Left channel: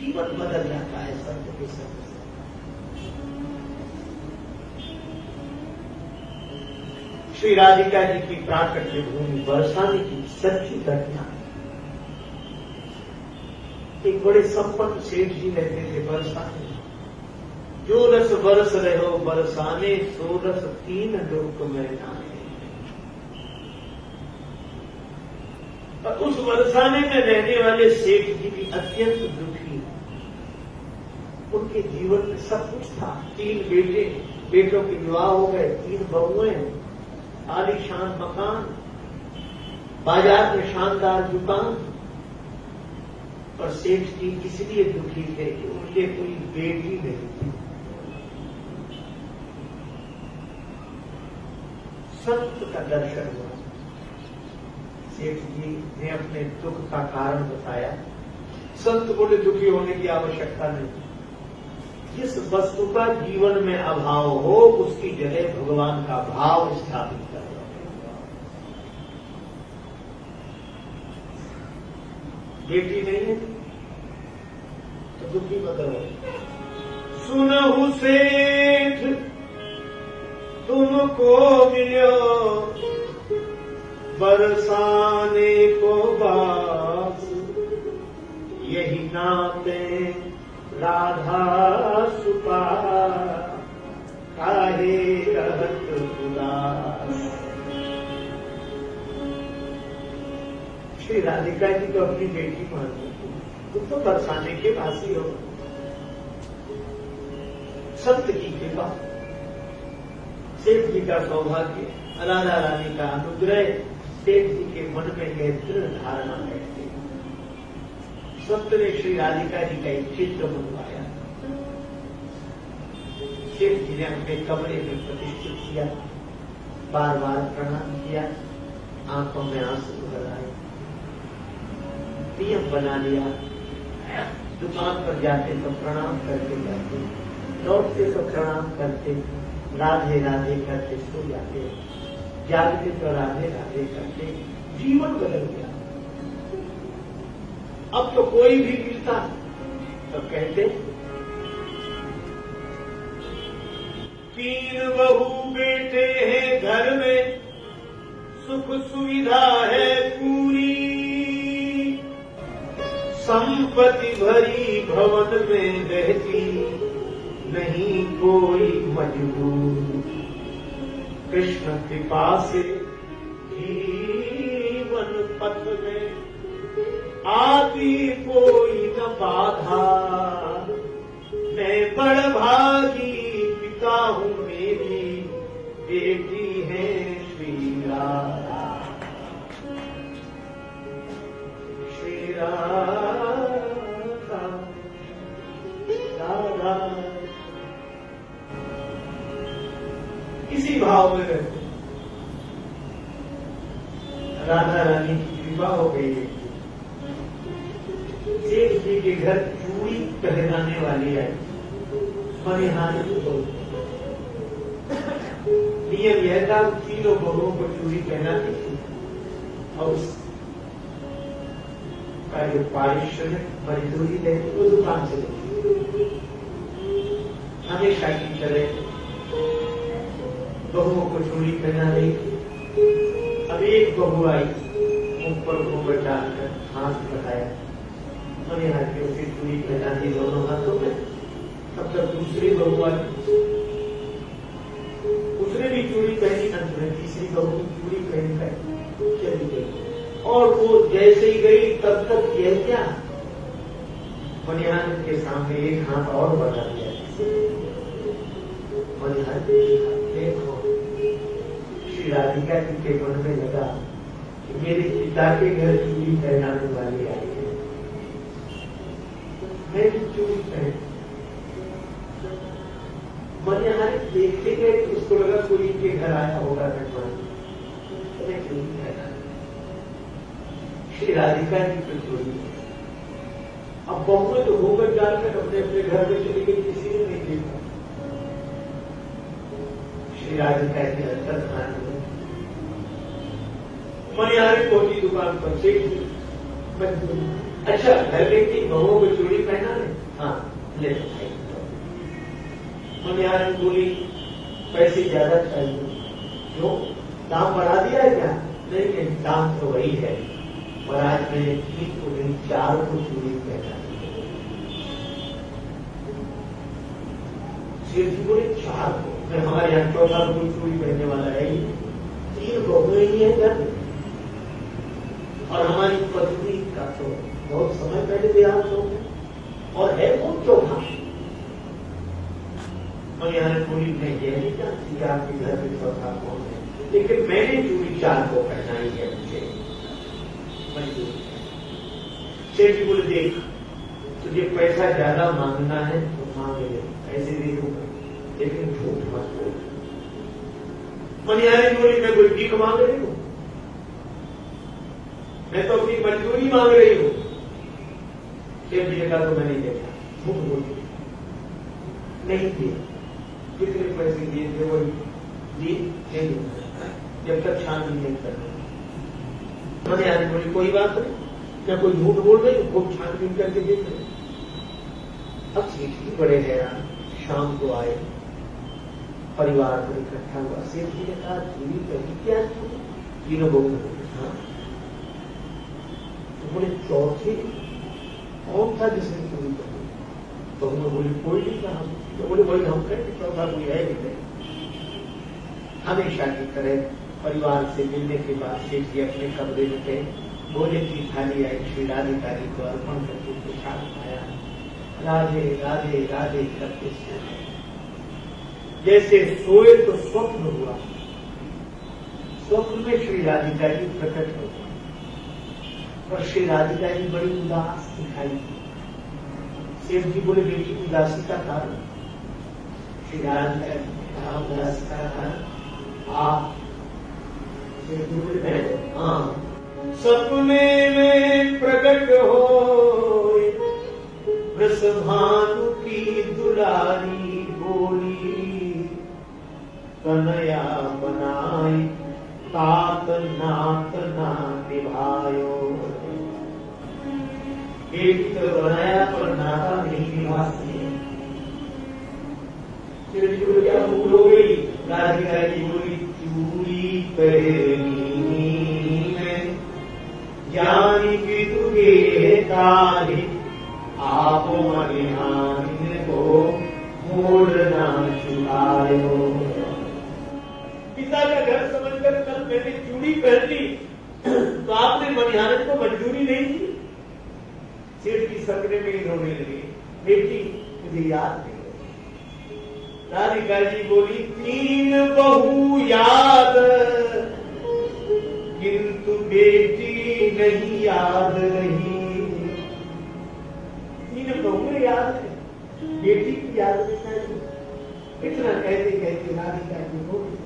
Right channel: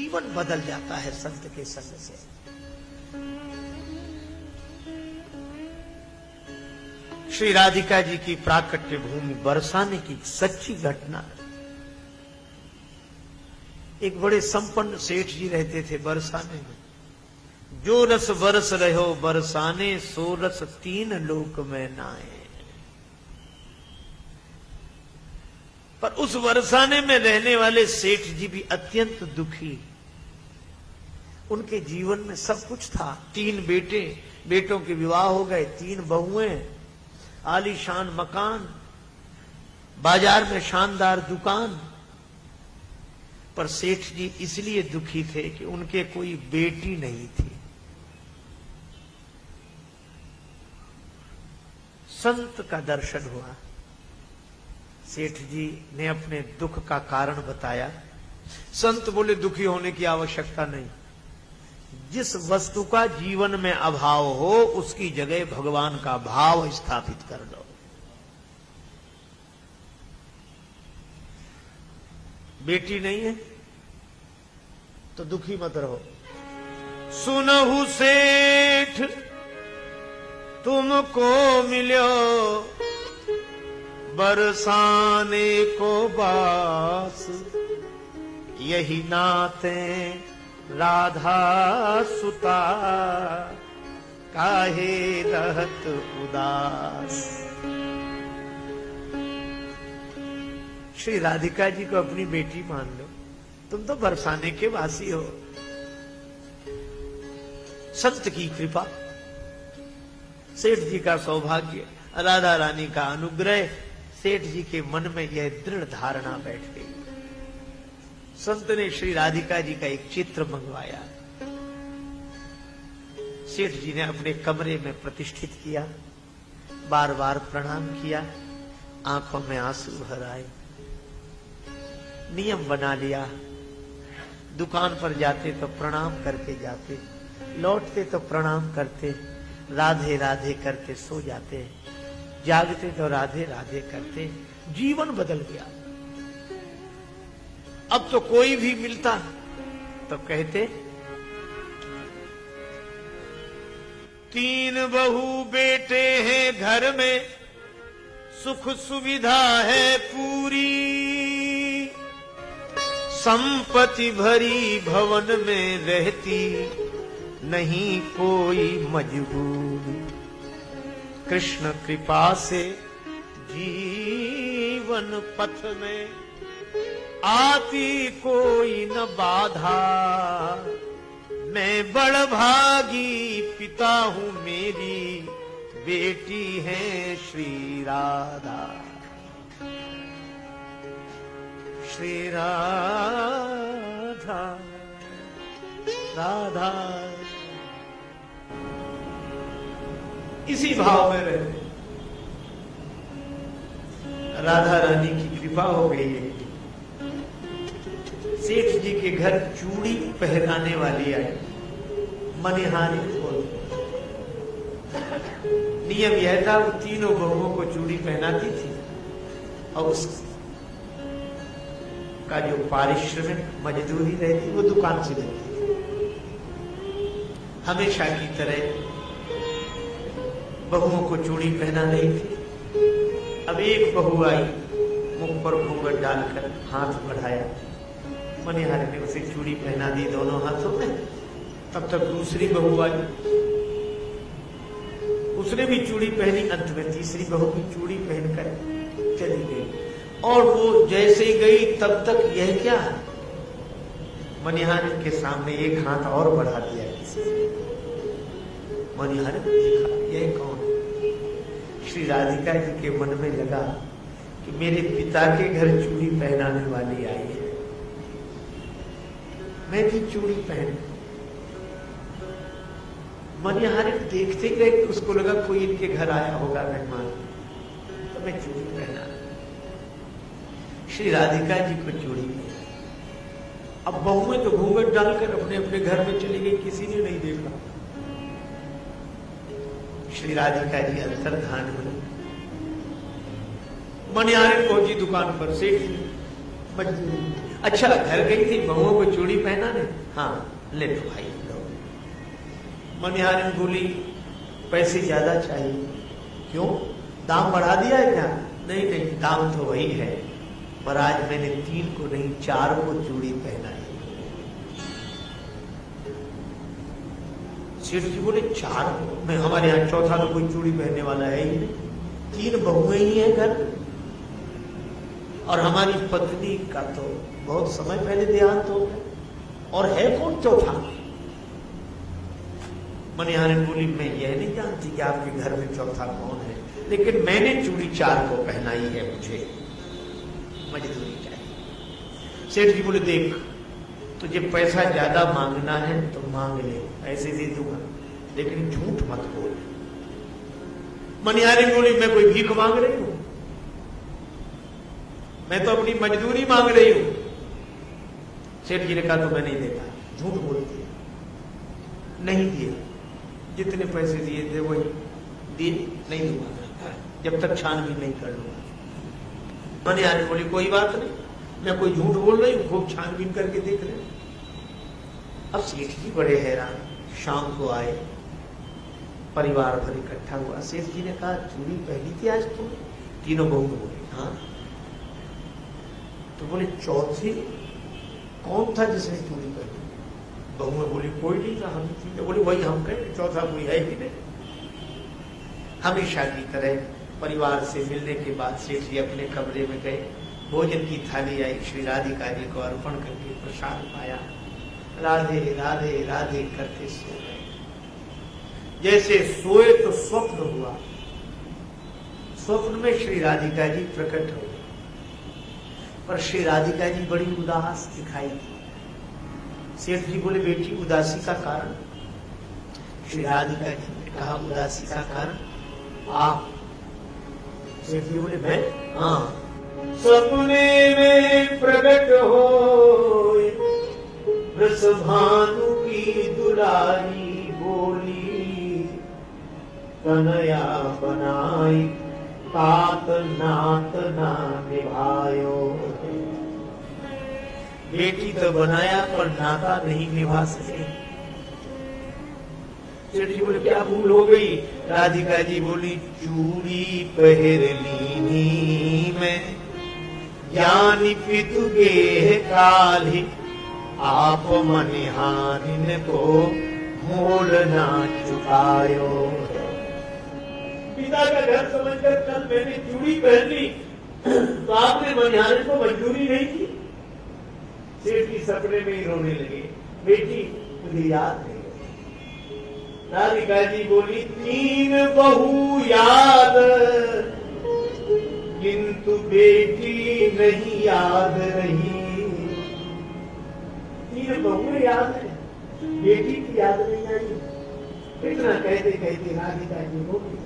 जीवन बदल जाता है सत्य के संग से। श्री राधिका जी की प्राकट्य भूमि बरसाने की सच्ची घटना है। एक बड़े संपन्न सेठ जी रहते थे बरसाने में। जो रस बरस रहो बरसाने, सो रस तीन लोक में नाए। पर उस बरसाने में रहने वाले सेठ जी भी अत्यंत दुखी। उनके जीवन में सब कुछ था, 3 बेटे, बेटों के विवाह हो गए, 3 बहुएं, आलीशान मकान, बाजार में शानदार दुकान। पर सेठ जी इसलिए दुखी थे कि उनके कोई बेटी नहीं थी। संत का दर्शन हुआ। सेठ जी ने अपने दुख का कारण बताया। संत बोले दुखी होने की आवश्यकता नहीं। जिस वस्तु का जीवन में अभाव हो उसकी जगह भगवान का भाव स्थापित कर दो। बेटी नहीं है तो दुखी मत रहो। सुनहु सेठ तुमको मिलो बरसाने को बास, यही नाते राधा सुता काहे रहत उदास। श्री राधिका जी को अपनी बेटी मान लो, तुम तो बरसाने के वासी हो। सत्य की कृपा, सेठ जी का सौभाग्य, राधा रानी का अनुग्रह, सेठ जी के मन में यह दृढ़ धारणा बैठ गई। संत ने श्री राधिका जी का एक चित्र मंगवाया। सेठ जी ने अपने कमरे में प्रतिष्ठित किया, बार बार प्रणाम किया, आंखों में आंसू भर आए। नियम बना लिया, दुकान पर जाते तो प्रणाम करके जाते, लौटते तो प्रणाम करते, राधे राधे करके सो जाते, जागते तो राधे राधे करते। जीवन बदल गया। अब तो कोई भी मिलता तो कहते 3 बहू बेटे हैं घर में, सुख सुविधा है पूरी, संपत्ति भरी भवन में रहती, नहीं कोई मजबूरी। कृष्ण कृपा से जीवन पथ में आती कोई न बाधा, मैं बड़ भागी पिता हूँ, मेरी बेटी है श्री राधा। श्री राधा राधा इसी भाव में रहते। राधा रानी की कृपा हो गई। सेठ जी के घर चूड़ी पहनाने वाली आई, मनिहानी को नियम यह था, तीनों बहुओं को चूड़ी पहनाती थी और उसका जो पारिश्रमिक मजदूरी रहती वो दुकान से देती। हमेशा की तरह बहुओं को चूड़ी पहना रही थी। अब एक बहू आई, ऊपर घूंघट डालकर हाथ बढ़ाया, मनिहार के उसे चूड़ी पहना दी दोनों हाथों में। तब तक दूसरी बहू आई, उसने भी चूड़ी पहनी। अंत में तीसरी बहू की चूड़ी पहनकर चली गई। और वो जैसे ही गई तब तक यह क्या, मनिहार के सामने एक हाथ और बढ़ा दिया। मनिहार ने देखा ये कौन। श्री राधिका जी के मन में लगा कि मेरे पिता के घर चूड़ी पहनाने वाली आई है, मैं भी चूड़ी पहन। मनिहार देखते गए, उसको लगा कोई इनके घर आया होगा मेहमान, तो मैं चूड़ी पहना। श्री राधिका जी पर चूड़ी। अब बहुएं तो घूंघट डालकर अपने अपने घर में चली गई, किसी ने नहीं देखा। श्री राधिका जी अंतर्धान हुए। मनिहार पहुंची दुकान पर, सेठ अच्छा घर गई थी, बहुओं को चूड़ी पहना ने, ले लो भाई। मनिहारिन बोली पैसे ज्यादा चाहिए। क्यों, दाम बढ़ा दिया है क्या? नहीं नहीं, दाम तो वही है, पर आज मैंने 3 को नहीं 4 को चूड़ी पहना दी। सेठ जी बोले 4 को? मैं हमारे यहाँ चौथा कोई चूड़ी पहनने वाला है ही, 3 बहुएं ही है घर में, और हमारी पत्नी का तो बहुत समय पहले देहांत हो गया, और है कौन चौथा? मनिहारिन बोली मैं ये नहीं जानती कि आपके घर में चौथा कौन है, लेकिन मैंने चूड़ी 4 को पहना ही है, मुझे मजदूरी चाहिए। सेठ जी बोले देख, तुझे पैसा ज्यादा मांगना है तो मांग ले, ऐसे दे दूंगा, लेकिन झूठ मत बोल। मनिहारिन बोली मैं कोई भीख मांग रही हूं, मैं तो अपनी मजदूरी मांग रही हूं। सेठ जी ने कहा तो मैं नहीं देता, झूठ बोलती नहीं दिए, जितने पैसे दिए थे वही दिए, नहीं दूंगा जब तक छानबीन नहीं कर ली। मनिहारिन बोली कोई बात नहीं, मैं कोई झूठ बोल रही हूँ, वो छानबीन करके देख रहे। अब सेठ जी बड़े हैरान, शाम को आए, परिवार तो इकट्ठा हुआ। सेठ जी ने कहा चूड़ी पहनी थी आज तो? तीनों बहू बोले हाँ। तो बोले चौथे कौन था जिसने चूड़ी पहनी? बहू बोली कोई नहीं था। तो बोले वही हम कहें, चौथा कोई है कि नहीं? हमेशा की तरह परिवार से मिलने के बाद सेठ जी अपने कमरे में गए, भोजन की थाली आई, श्री राधिका जी को अर्पण करके प्रसाद पाया, राधे राधे राधे करके सोए। जैसे सोए तो स्वप्न हुआ, स्वप्न में श्री राधिका जी प्रकट हो, पर श्री राधिका जी बड़ी उदास दिखाई दी। सेठ जी बोले बेटी उदासी का कारण? श्री राधिका जी ने कहा उदासी का कारण आप? सेठ जी बोले मैं? हाँ। सपने में प्रकट हो वृषभानु की दुलारी बोली, कन्हैया बनाई तात नात ना निभायो। बेटी तो बनाया पर नाता नहीं निभा सके। सेठ जी बोले क्या भूल हो गई? राधिका जी बोली चूड़ी पहरनी में ज्ञानी पितुगे काली, आप मनिहारिन को मोल ना चुकायो। पिता का घर समझकर कल मैंने चूड़ी पहन ली, तो आपने मनिहारिन को मजदूरी नहीं दी। सेठ जी सपने में ही रोने लगे, बेटी मुझे याद नहीं। राधिका जी बोली 3 बहू याद, किंतु बेटी नहीं याद रही। 3 बहू याद है, बेटी की याद नहीं आई। इतना कहते कहते राधिका जी बोली